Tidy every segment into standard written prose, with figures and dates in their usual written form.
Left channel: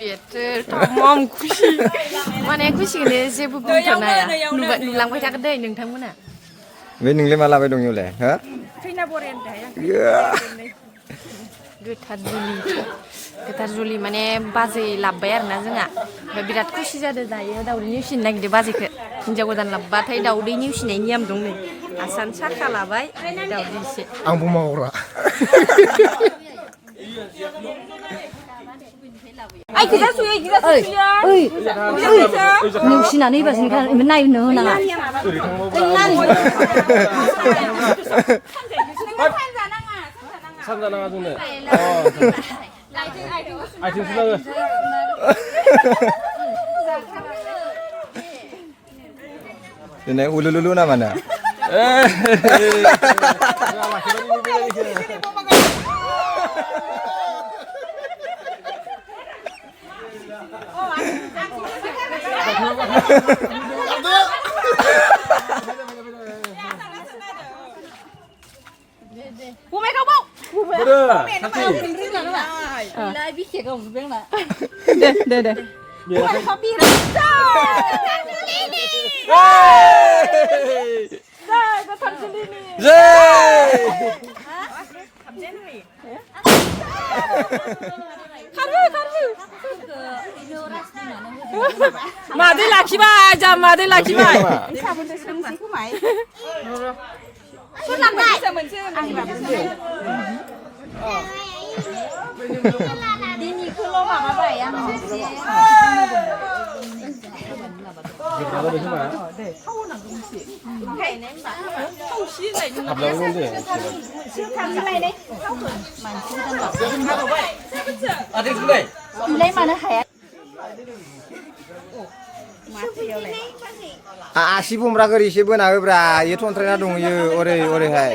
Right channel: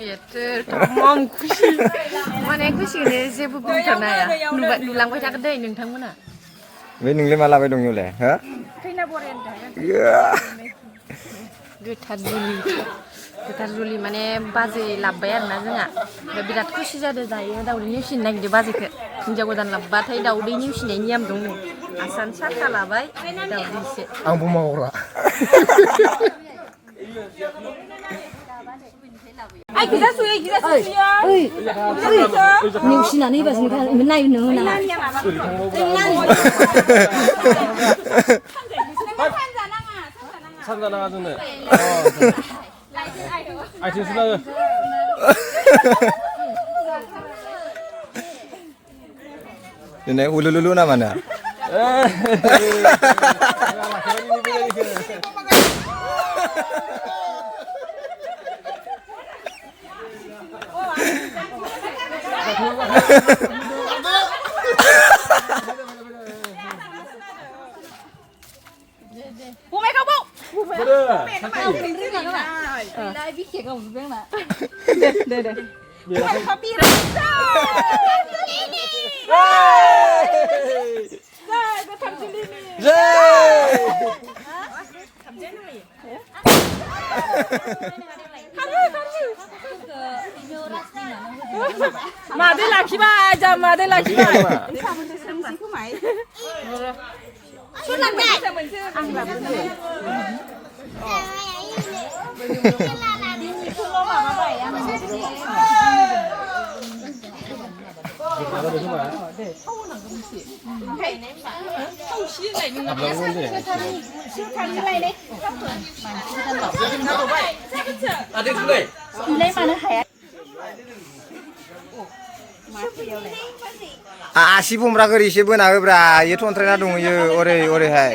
बेथो तमाम खुसि माने खुसिखौनो जेबो बुंथ'नो हाया नुलांबाय थागोन दे नोंथांमोना बे नोंलाय मा लाबाय दं इयावलाय हो खैना बरायनो थाया गोथार जुलि माने बाजै लाबबाय आरोना जोंहा ओमफ्राय बिराद खुसि जादों दायो दाउदै नेवसिनो नागिरदों बाजैखौ हिनजाव गोदान लाबबाथाय दाउदै नेवसिनाय नियम दं नै आसान साखा लाबाय दाउदै एसे आंबो मावग्रा नेवसिनानै होबासो नायनो होनाङा सानजानाङा जोंनो आथिं सुनाङो दिनै उलुलुलु ना मानो Bumay ka po! Lai biết kìa không biết mà. Đây. Có biết rồi. Có thằng Julie nè. Thầm chết nó mày. Mà đây là khi ba, giờ mà đây là khi ba. Suốt làm lại. Anh làm cái gì? Đi nhị cô lô mà vậy em mình đi. Để thâu là cái gì? Cái này mà thâu xí này nó abang ni Siêu khăn như này đấy. Thâu rồi. ada tu deh Lấy mà nó hẻ. आसि बुमब्रा गोरि एसे बोना होब्रा इयो थन्थ्रायना दङ इयो ओरैहाय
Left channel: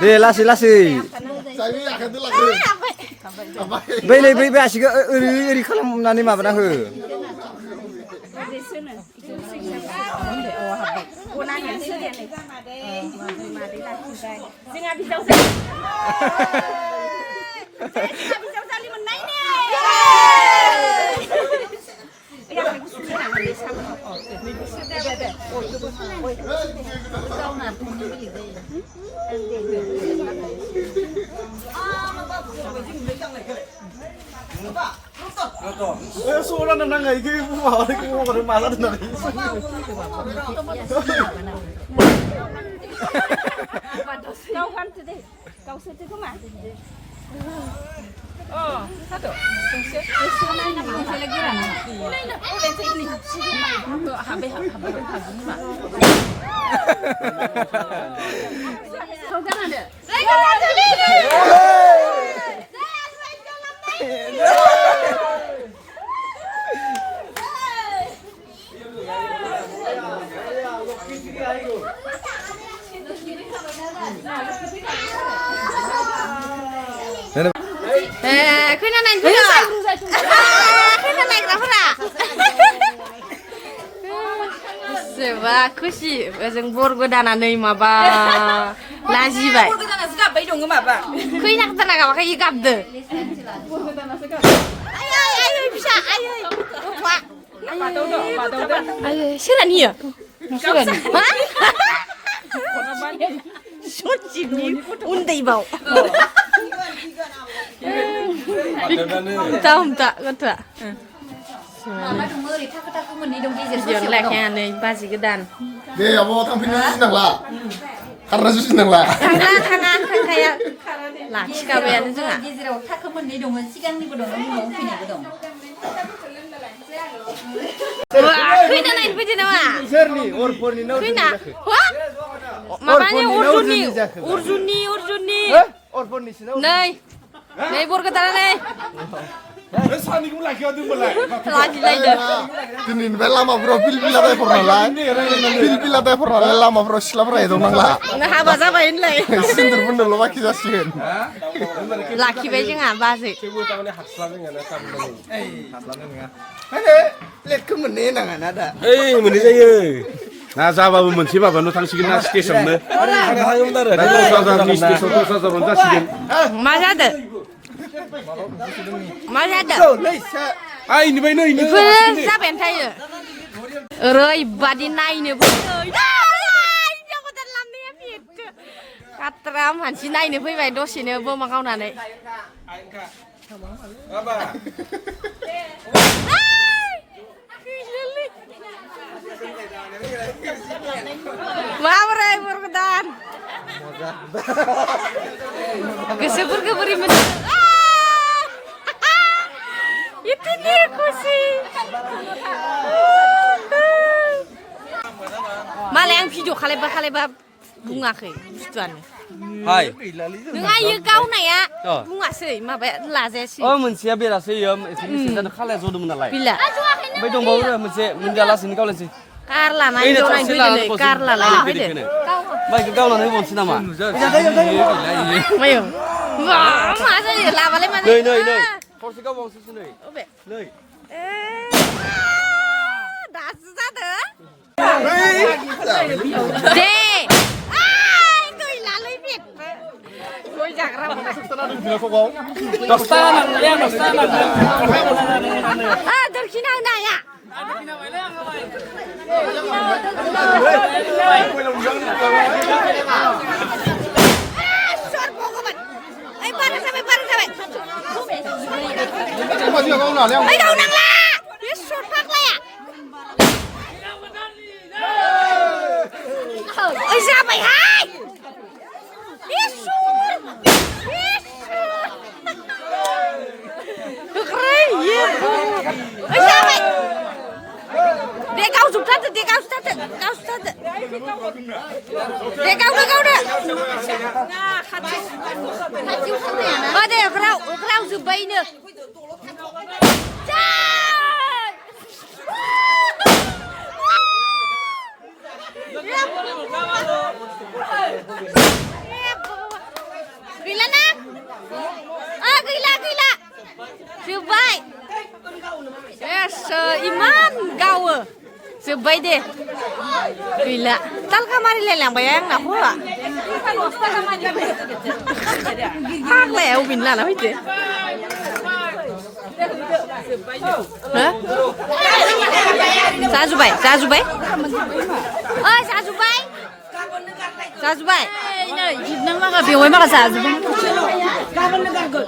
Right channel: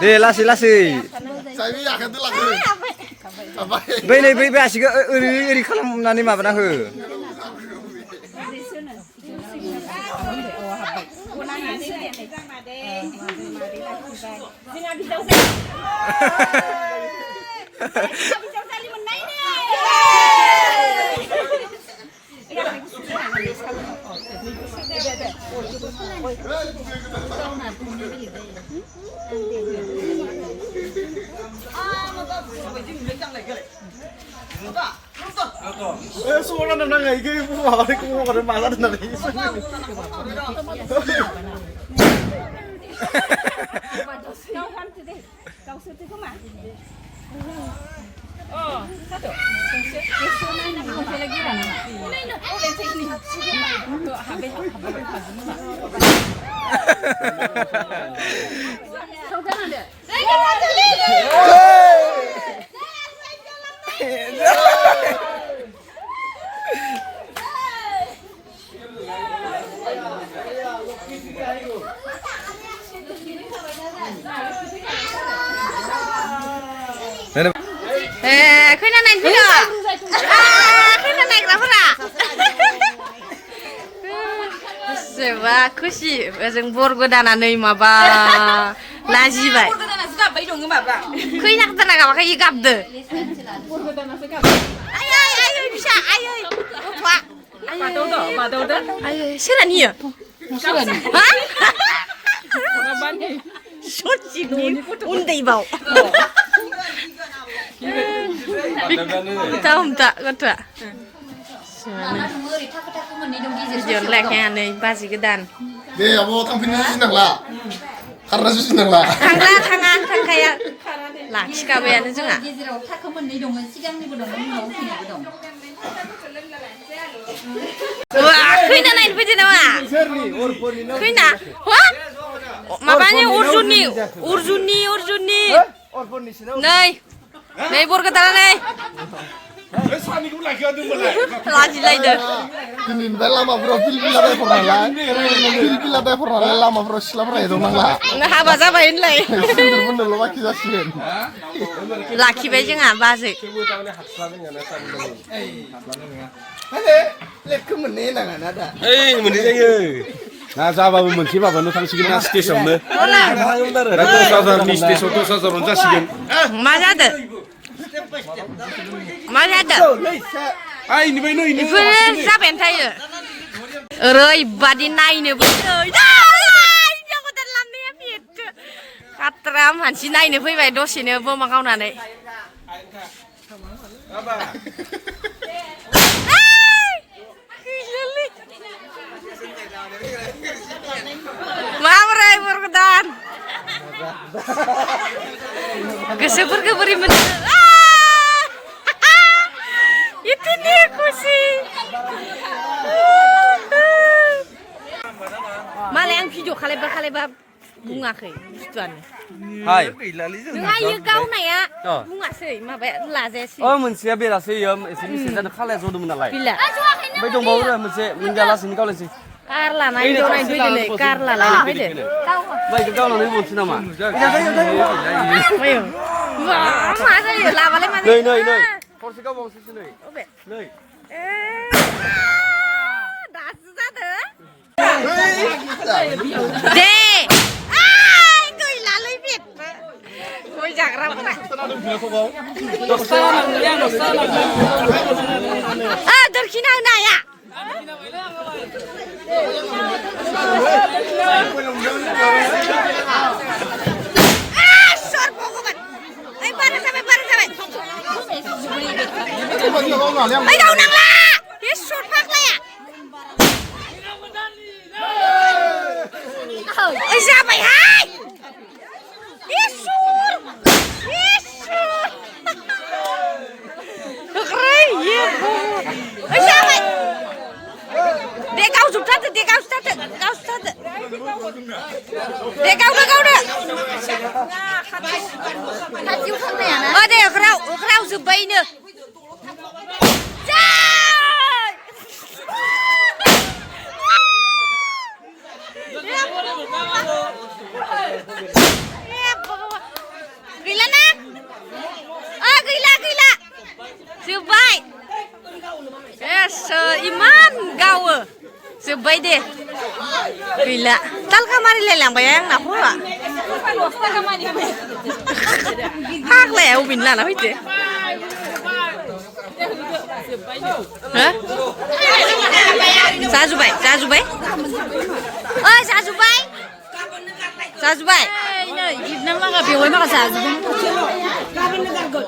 दे लासै बैलाय बै आसिखौ ओरै खालामनानै माबाना हो Suara nang ngai ke mau ke mau ke malah nang. Câu khăn từ đây. Câu sư từ không ạ? satu. Masih lagi lah. Lên trên này. Habis mak. Kau jangan deh. Khuyên anh bây giờ. Khuyên anh lắm ra. Sewa खुसि जों बर गोदानानै माबा लाजिबाय खैना गोदाना गाबाखै E गाबदो आयै फिसा आयै गथ'आ आयै सोरानियो हा सचिनि उन्दैबाव हमथा गथ'आ Jangan leknya nih pasti gedan. Deh, mau tampilin nangla. Karena susu nangla. Tangla tangan tang kayak lah sikabean itu nggak? Wah, kuina naik biji nama. Kuina, wah? Makanya urjuni. Nih, nih bor ketara nih. लाजिलायदो दिनैनिफ्राय लामाफोराव पिलपिलाबाय फरायनालाय पिलपिलाबाय फरायनालाय लामाफोराव सिख्लाफोरा एदावनांला हाबा जाबाय होनलाय सिन्दुर फुननोल' बाखि जासिगोन लाखिबाय जोंहा बाजै प्लेटखौ मोननै होनाङा ना दा ओइ मोननै जायो ना जाबाबो मोनसे माबानो थांसिगोन ना स्टेसनावनो स्टेसन 10,000 जासिगोन मा जादो मा जादो ओइ निबाय नै बेफोरो जाबायानो थायो ओरैबादि नायनोबो काट्रा मानसि नायनो फैबाय दसेनो बमा गावनानै माबोरै बरगदान गोसोफोरखौ बोरै मोनदों इतनी खुसि मालाय आं भिडिअ खालायबा बुङाखै बुस्थुआनो हाय नोंहा इयो गावनाया बुङासै माबाया लाजायासै मोनसेया बेरासै एसे मिथिजानो खालाया जदोंमोन नालाय गैला ओमफ्राय दंबावो मोनसे मिंगालासिनो गावलायसै कारला नायनाय फैदो नै कारला लायना फैदो माइखौ गावनानै बनसै नामा मायो मा जायो लाबालाय मा नै जायो नै नै थरसे गावबावसैसो नै अबे नै दासो जादों दे गैलालै बेदबो गय जाग्राफोरा दोरखिना होनो हाया गावनांला बे सर फाग्लाया जाबायहाय जाबाय दे गावजोबथारदो दे गावजोबथारदो दे गावनो दे अख्राव जोब्बायनो गैला ना गैला जोब्बाय इमान गावो जोब्बाय दे गैला तालका मारिलायलांबाय आंना हौवा फाग्लाया अबेनि लाना फैदो जाजुबाय नै जिबनां लागा बेवाय माखा जाजुबाय गाबोननो गारगोन